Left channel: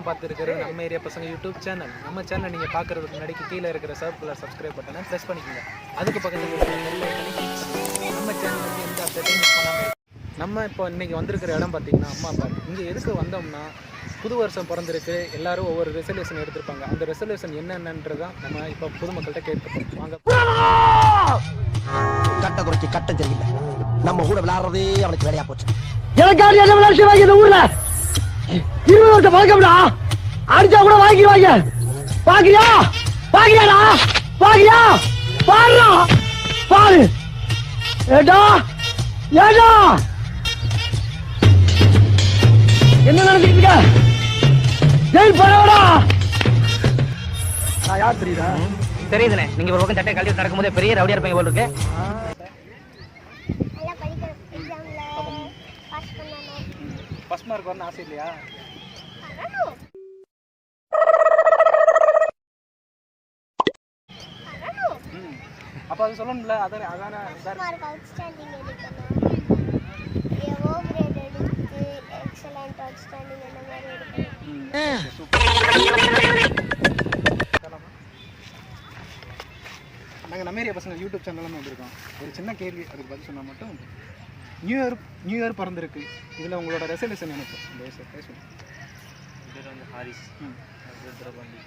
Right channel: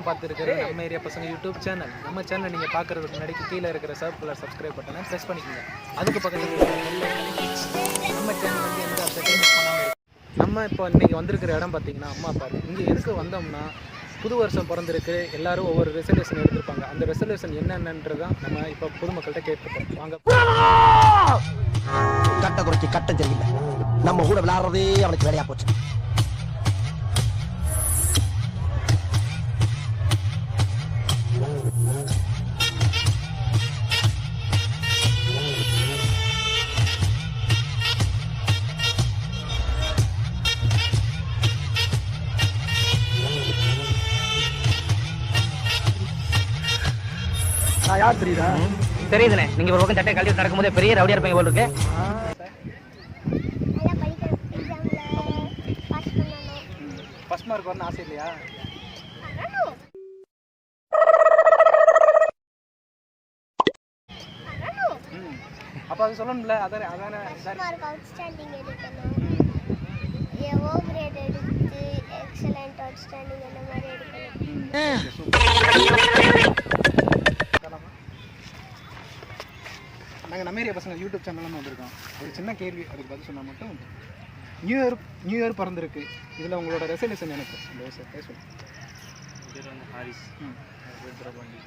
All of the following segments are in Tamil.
நீங்கள்லாம் பார்த்துருக்கிறது நம்ம ஏரியா பசங்க யூடியூப் சேனல். நம்ம சேனலை நீங்கள் பார்க்குறதுக்கு முன்னாடி கீழே இருக்கிற கலர் சப்ஸ்கிரைப் பட்டனை ப்ரெஸ் பண்ணிக்கோங்க. அதுக்கு பக்கத்தில் இருக்கிற பெல் ஐகானை கிளிக் பண்ணுங்க. நம்ம சேனல் வந்து எந்த அப்டேட்டையும் மிஸ் பண்ணாமல் இருக்கும். நம்ம இப்போ இன்றைக்கி வந்திருக்கிற இடம் பார்த்திங்கன்னா அம்மா பாரு. இங்கே எதுக்கு வந்தோம்னா, புது வருஷம் பிறந்திருக்கு, எல்லோரும் ஒவ்வொரு ரெசல்யூஷன் எடுத்திருப்பாங்க. அந்த ரெசல்யூஷன் என்னென்னன்றதான் நம்ம இப்போ பொதுமக்கள்கிட்ட கேட்டுப்போம். வாங்க. கட்ட குறைச்சி கட்ட தெரியல, நம்ம கூட விளையாடுறதே அவனுக்கு வேலையா போச்சு. எனக்காக என்ன விளையாட்டு இந்த ஊர்ல 20 வருஷம் பழக்கம்டா. அடிச்சா கூட வாங்கிடுவாங்க. பாக்கியா பாக்கியாடா, பாக்கியா பாருடா, பாரு. ஏடா ஏடா என்ன நடந்துட்டு ஜெயில் போறவடா. நான் யார் தெரியுதா? தெரியுதுண்ணே. நீங்க ஒரு பக்கம் சட்டை கழட்டி நடக்கும்போது பெரிய ரவுடியா இருப்பீங்க போல இருக்கு. ஃபர்ஸ்ட் மார்க் வரணும் ஆசை இல்லையா? அப்ப அது சொல்லணும்ல. அதானே மார்க் அவுட்ஸ்டாண்டிங் எடுக்கணும். ஏஓ கிரேட் எடுத்து எக்ஸலென்ட் அவுட்ஸ்டாண்டிங் அந்த மாதிரி எடுக்கணும். நாங்கள் நம்ம ஏரியா பசங்க யூடியூப் சேனல்னு வந்திருக்கோம். ஒரு சின்ன கேள்வி, அதுக்கு பதில் சொன்னால் மட்டும். நியூ இயர் பிறந்திருக்கு, இதில் உங்களோட ரெசல்யூஷன் எனக்கு இந்த விஷயம் பேசுவோம். பேர் வந்து ஹாரிஸ், ருத்ரபாண்டி.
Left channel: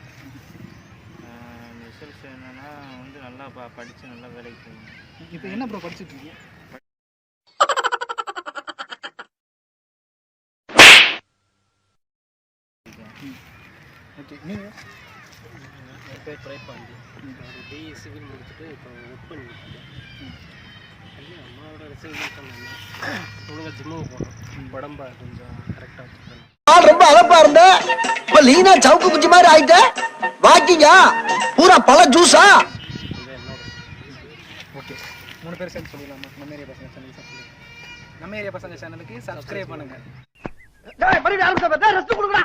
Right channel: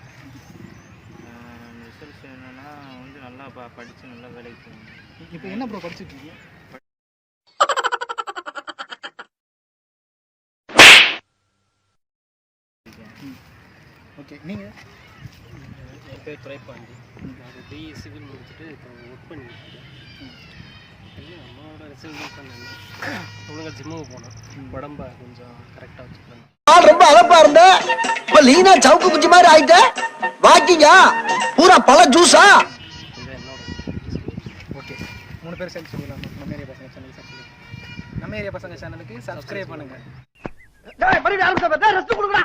ரெசல்யூஷன் என்னன்னா வந்து நல்லா படித்து நல்லா வேலைக்கு போகணும். இப்போ என்ன ப்ரோ படிச்சுட்டு இருக்கீங்க? ஓகே, நீங்கள்? என் பேர் பிரேப்பாண்டி. பிஇ சிவில் முடிச்சுட்டு இப்போ ஒர்க் பண்ணிட்டு அம்மாவோட ரெசல்யூஷன் ஒழுங்காக ஜிம்முக்கு போகணும், உடம்ப கொஞ்சம் கரெக்டாக வச்சுக்கணும். ரொம்ப அழப்பா இருந்த இப்ப லீனா சவுக்கு குச்சி மாதிரி ஆயிட்ட. வாக்கிங்கா பூரா பழ ஜூஸா? ஓகே, 3 பேர் சேர்ந்து சொல்லிடலாமா? நம்ம ஏரியா பசங்க சேனலுக்கு சப்ஸ்கிரைப், நம்ம ஏரியா பசங்க சேனலுக்கு சப்ஸ்கிரைப் பண்ணுங்க. மறுபடியும் ஆரம்பிச்சா ரெஸ்ட் கொடுக்குறா.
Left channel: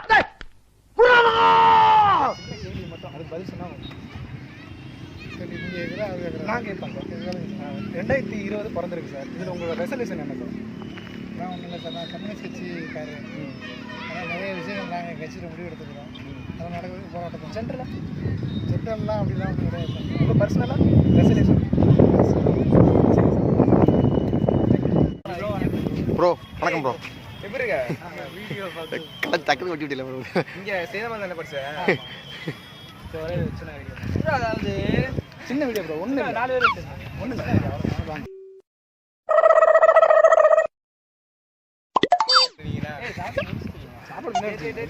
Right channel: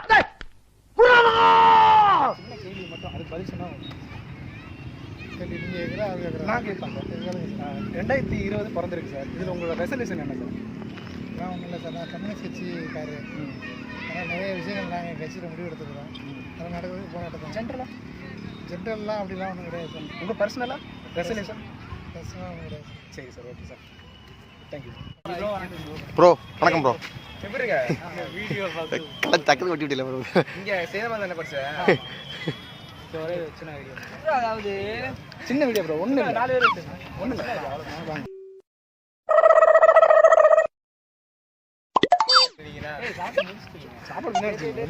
கேள்வி மட்டும் அதுக்கு பதில் சொன்னா நான் கேட்பாங்க. 2020 பிறந்திருக்கு சார், இதில் உங்களோட ரெசல்யூஷன் என்ன சார்? நான் ஒன்றும் இல்லை சார், நான் கம்யூனிஸ்ட் கட்சிக்காரு. அதனால் நிறைய விஷயங்கள் நாங்கள் கட்சியில் முடிவு எடுத்துக்கிறோம். அதை நடக்கிறதுக்கு போராட்டம். சென்ட்ரல்லாம் அப்படிலாம் ஒன்றும் கிடையாது சார். உங்கள் பர்சனலாக ரெசல்யூஷன்? ப்ரோ வணக்கம் ப்ரோ. எப்படி இருக்க? டக்குனு வெட்டி விட்டல ப்ரோ. இங்கே சேதமாக தானே படித்தேன். ஒரே சின்ன வீடியோ, அதாவது சின்ன வீடியோ ப்ரோ. ஒன்று 4 பேர் ஒன்றும் இல்லை, அவ்வளோதான்.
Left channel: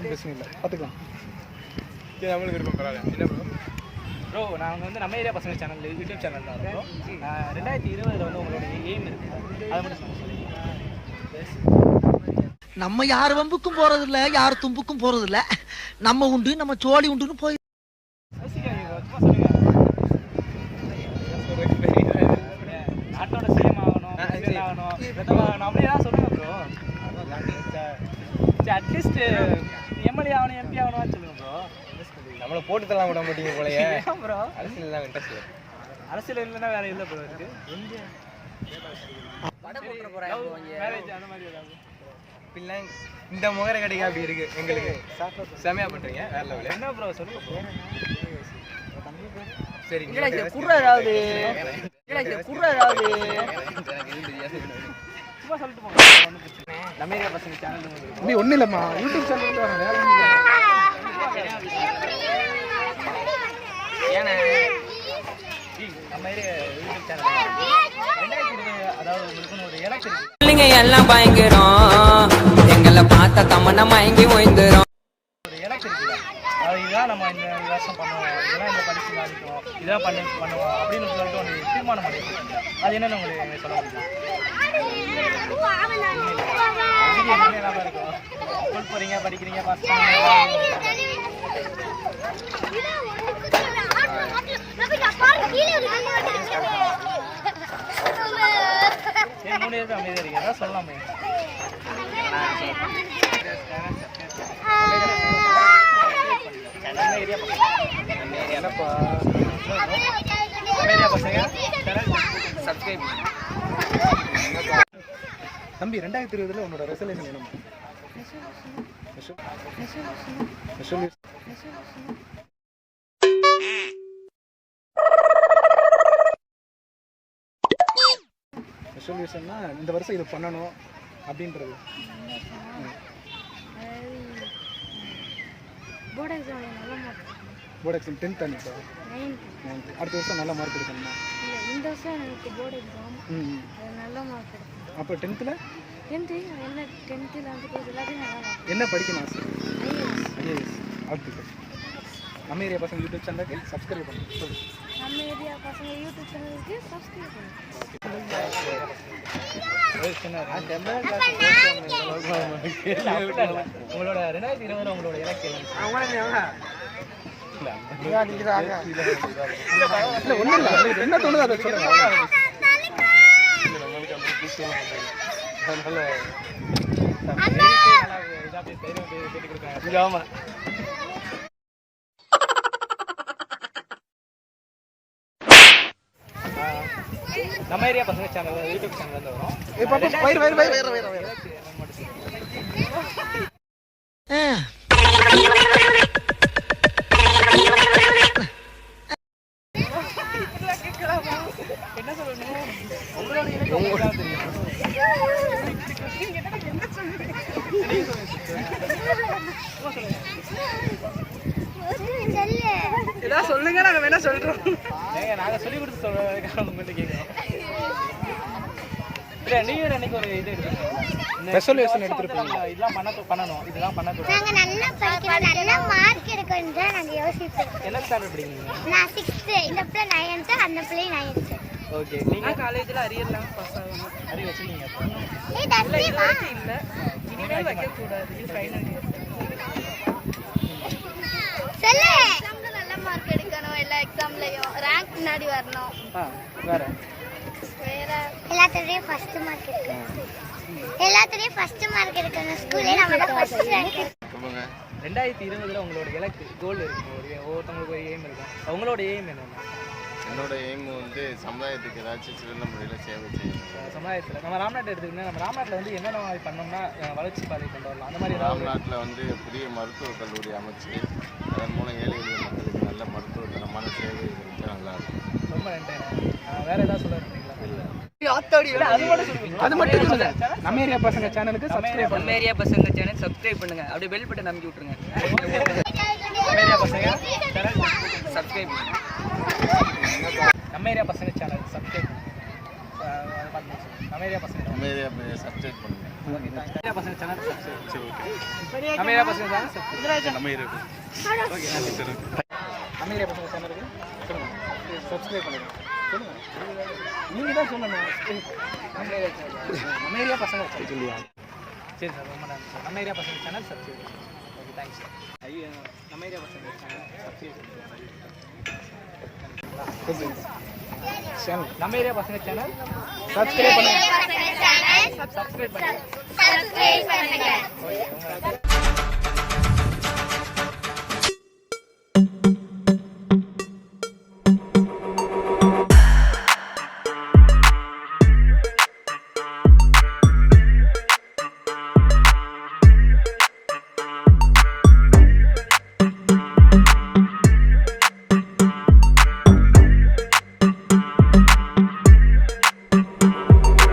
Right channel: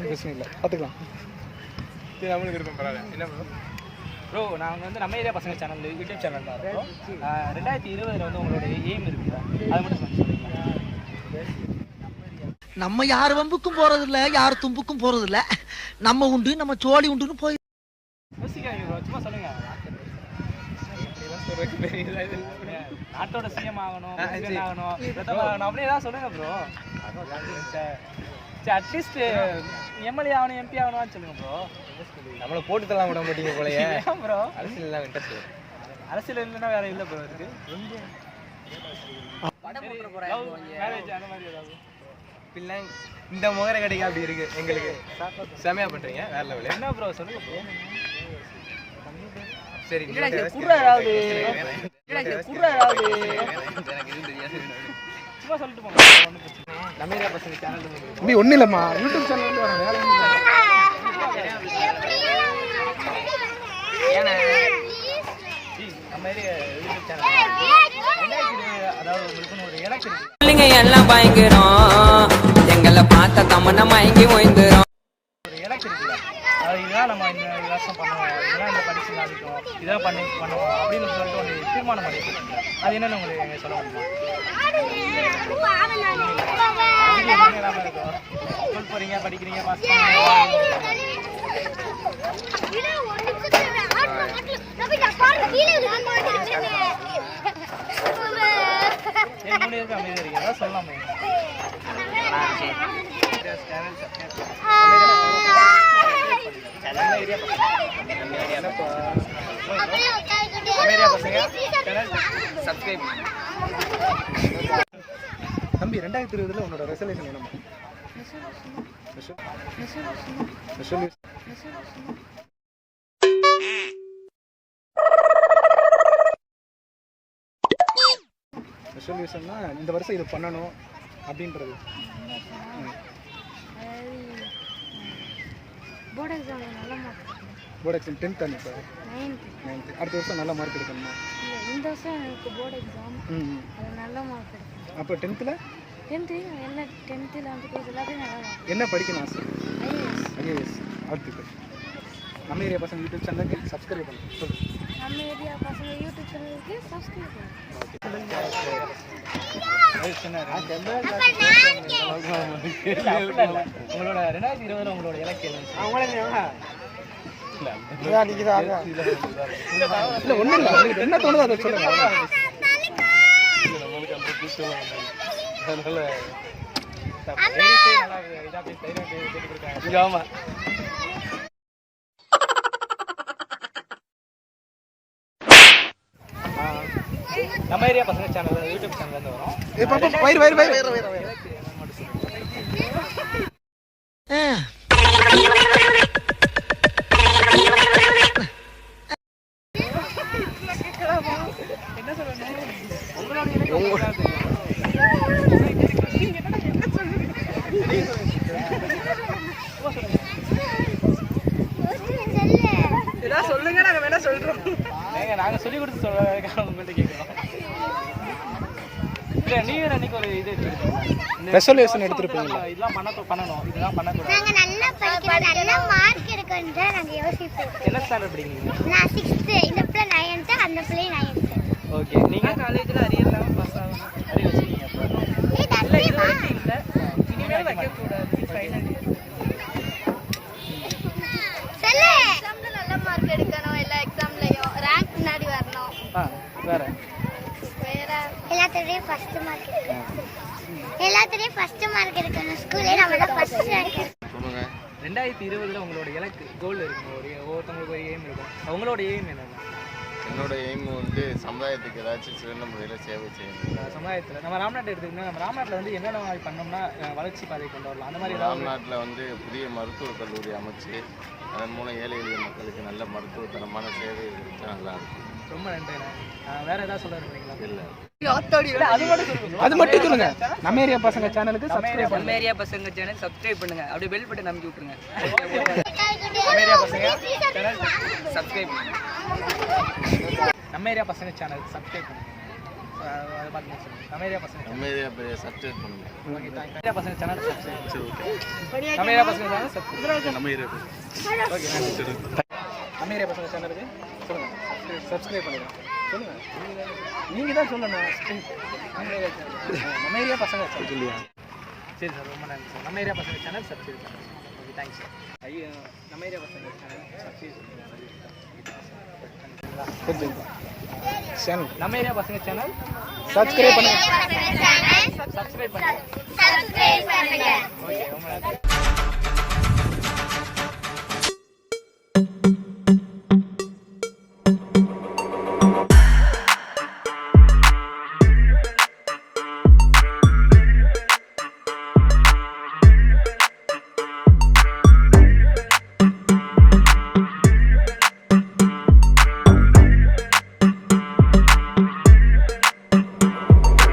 பிரச்சனை இல்லை, பார்த்துக்கலாம். நம்மளுக்கு விருப்பம் பரவாயில்ல. என்ன ப்ரோ? ப்ரோ நாங்கள் வந்து நம்ம ஏரியா பசங்க சேனல் யூடியூப் சேனல் தான் வரோம். 2020 வந்து உங்களோட எய்ம் இருக்குது, அதை மட்டும் நம்ம யார் வம்புக்கும் போறது இல்ல, யார் தும்புக்கும் போறது இல்ல. நம்ம உண்டு, நம்ம சோழி உண்டுன்னு போய் நாட்டோட சிஎம் ஆகணும், அப்படியே தான் சொல்லுங்க ப்ரோ. அட்லீஸ்ட் எம்எல்ஏ ஆகணும், எம்பி ஆகணும் சொல்லுங்க ப்ரோ. நம்மளை போட்டு தரலாம் விட மாட்டீங்க போலயே. ப்ரோ அரசியல் தான் இன்ட்ரெஸ்ட். அரசியல் இல்லைன்னா வேற இல்லை ப்ரோ. இருக்கு மேரேஜ் அந்த மாதிரி ஏதாவது இப்படிலாம் இந்த முகர கடைக்கு அப்படி இருக்கு. எங்களுக்கு செமையா பண்றீங்க, வேற லெவல். என்ன ப்ரோ சொல்லுங்க ப்ரோ. சரி, சும்மா சொல்லிட்டு போங்க. நம்ம ஏரியா பசங்க சேனல் ஒன்றும் இல்லைம்மா, யூடியூப் சேனல் வரோம், வேற ஒன்றும் இல்லை. ஏன்னா நம்ம ஏரியா யூடியூப் சேனல் 2020, அதாவது உங்களுக்குன்னு ஒரு எலெக்ஷன் இருக்கு. பிள்ளைங்க எல்லாம் பயங்கரம், எங்களை பார்த்த தமன்னா மயங்கி ஓய்ந்துரும். ஒரு எலெக்ஷன் இருக்குல்ல, அது இதுதான் நம்ம இந்த வருஷம் பண்ணுவோம், இதெல்லாம் இந்த படிச்சு காமிக்கும், இதெல்லாம் பண்ணுவோம் அப்படின்னு சொல்லிட்டு ஒரு தீர்மானம் பண்ணி வச்சுருக்கீங்க. அது என்னென்னு உங்களுக்கு சொல்ல முடியுமா? அதுக்கு என்ன இல்லாமல் இருக்கும். ஸ்கூல் போகிறீங்க, படிக்கிறீங்க, பாஸ் பண்ணுங்க. 3 பேருக்கு அமைதியாக இருக்கீங்க, அதான் சொல்லலாமே. தம்பி 2020 உன்னோட ரெசல்யூஷன் என்னமா? ஸ்பெஷல் சொல்யூஷன்னா இந்த வருஷம் இது பண்ணணும் அப்படின்றது. போர்டு எக்ஸாமில் நல்ல மார்க் போர்டு எக்ஸாம் 10th அன்னைக்கு 9th அடுத்த வருஷம் நல்ல மார்க் எடுக்கணுமா? இல்லை, இந்த வருஷம் எனக்கு போர்டு எக்ஸாம் அது நல்ல மார்க் எடுக்கணும். அப்போ 10th எல்லா 10th 11th எல்லாத்தையும் நல்லா மார்க். என்ன படிக்கணும் ஆசை? ஐஏஎஸ். வாழ்த்துக்கள். நம்ம ஏரியா பசங்க யூடியூப் சேனலுக்கு சப்ஸ்கிரைப் பண்ணுங்க. சொல்லு. நம்ம ஏரியா பசங்க யூடியூப் சேனலுக்கு சப்ஸ்கிரைப் பண்ணுங்க. உங்களோட 2020 உங்களோட இலக்கியம் என்ன தோணுது அதை சொல்லுங்க. ஆமா நம்ம ஏரியா பசங்க சேனல் யூடியூப் சேனல்ல வரும். என்ன சொல்லணும்? உங்களோட இலக்கியம் தெரியும். சொல்லுங்க, நாங்க வேணா சொல்றோம். நாங்க சொல்லி கொடுத்து சொல்றோம். நீங்க அன்னைக்கு ஒரு இது ஸ்பெஷல் எடுத்துருப்பீங்க. இதெல்லாம் பண்ணணும், இதெல்லாம் பண்ணக்கூடாது. நாங்க நல்லா படிக்கிறோம், நல்ல மார்க் எடுக்கணும் தான் நாங்க யோசிப்போம். என்ன ஸ்டாண்டர்ட் இருக்கீங்க? நான் 6th, இந்த பிள்ளை 9th, அந்த பிள்ளை 9th. ஓகே. நீங்க காலேஜ்ல அரியர்லாம் பாஸ் ஆகணும். அரியர் வச்சிருக்கீங்க? இல்ல, இனிமேல் வைக்க கூடாது. இது ஃபைனல் இயர். சொல்லு. எக்ஸாம்ல நல்ல மார்க் எடுக்கணும், எல்லா எக்ஸாம்லயும் ரேங்க் முன்னாடி வரணும். வேற எல்லாத்துலயும் ஃபர்ஸ்ட் மார்க் எடுக்கணும். எல்லாத்துலயும் ஃபர்ஸ்ட் மார்க் எடுக்கணும். ஸ்கூல்ல நம்ம தான் ஃபர்ஸ்ட் ரேங்க் எடுக்கணும். சொல்லுங்க. 2020 உங்களோட இலக்கு கோல் இருக்கும். ஒவ்வொருத்தவங்களுக்கு ஒரு எய்ம் இருக்கும். உங்களோட எய்ம் என்னன்னா? என்னோட எய்ம் வந்து சமுதாயத்துக்கு ஏதாச்சும் சிறந்த முறையில் சேவை செய்யணும். சமுதாயத்தில் நம்ம ராம்நாட்டை எடுத்துக்கிட்டோம்னா, நம்ம ராம்நாட்டில் வந்து என்னென்ன மாதிரி பண்ணோம்னா வளர்ச்சி பாதை கொண்டு வரலாம். அந்த மாதிரி ராம்நாட்டில் வந்து புதிய மருத்துவக் கல்லூரி அமைச்சு அதன் மூலம் ஏழை எளிய மக்களுக்கு நல்ல மருத்துவத்தனமான சேவை கிடைச்சா நல்லா இருக்கும். ரொம்ப நன்றிண்ணே. வேற ஏதாவது சொல்ல இருக்கீங்களா? இல்லை, அது மட்டும் சொல்லுங்க. நம்ம ஏரியா பசங்க சேனலுக்கு சப்ஸ்கிரைப் பண்ணுங்க. நம்ம ஏரியா பசங்க சேனல் சப்ஸ்கிரைப் பண்ணுங்க. அப்படியே பெல் பட்டன் அமைக்கி விட்டுருங்க. நம்ம ஏரியா பசங்க சேனல் சப்ஸ்கிரைப் பண்ணுங்க. நம்ம ஏரியா பசங்க சேனல் சப்ஸ்கிரைப் பண்ணுங்க. அதை பார்த்து நம்ம ஏரியா பசங்க நம்ம ஏரியா சப்ஸ்கிரைப் பண்ணுங்க. Okay, thanks. ஏரியா பசங்க சேனல் சப்ஸ்கிரைப். சரி, ஓகே. நம்ம ஏரியா பசங்க சேனல் சப்ஸ்கிரைப். நம்ம ஏரியா ஓகே, நம்ம ஏரியா பசங்க சேனலுக்கு சொல்லுங்க சப்ஸ்கிரைப் பண்ணிடுங்க. சொல்லுங்க, நீங்கள் தான் சொல்லணும். நம்ம ஏரியா சேனல், நம்ம ஏரியா பசங்க சொல்லியா? சரி சார், ரொம்ப நன்றி சார். நம்ம ஏரியா பசங்க சேனல் சப்ஸ்கிரைப் பண்ணுங்க. Okay, thanks sir. ஐயோ, நம்ம ஏரியா பசங்க சேனல் சப்ஸ்கிரைப் பண்ணுங்க. நம்ம ஏரியா பசங்க சேனல் சப்ஸ்கிரைப் பண்ணுங்க. சப்ஸ்கிரைப் பண்ணுங்க. ஓகே,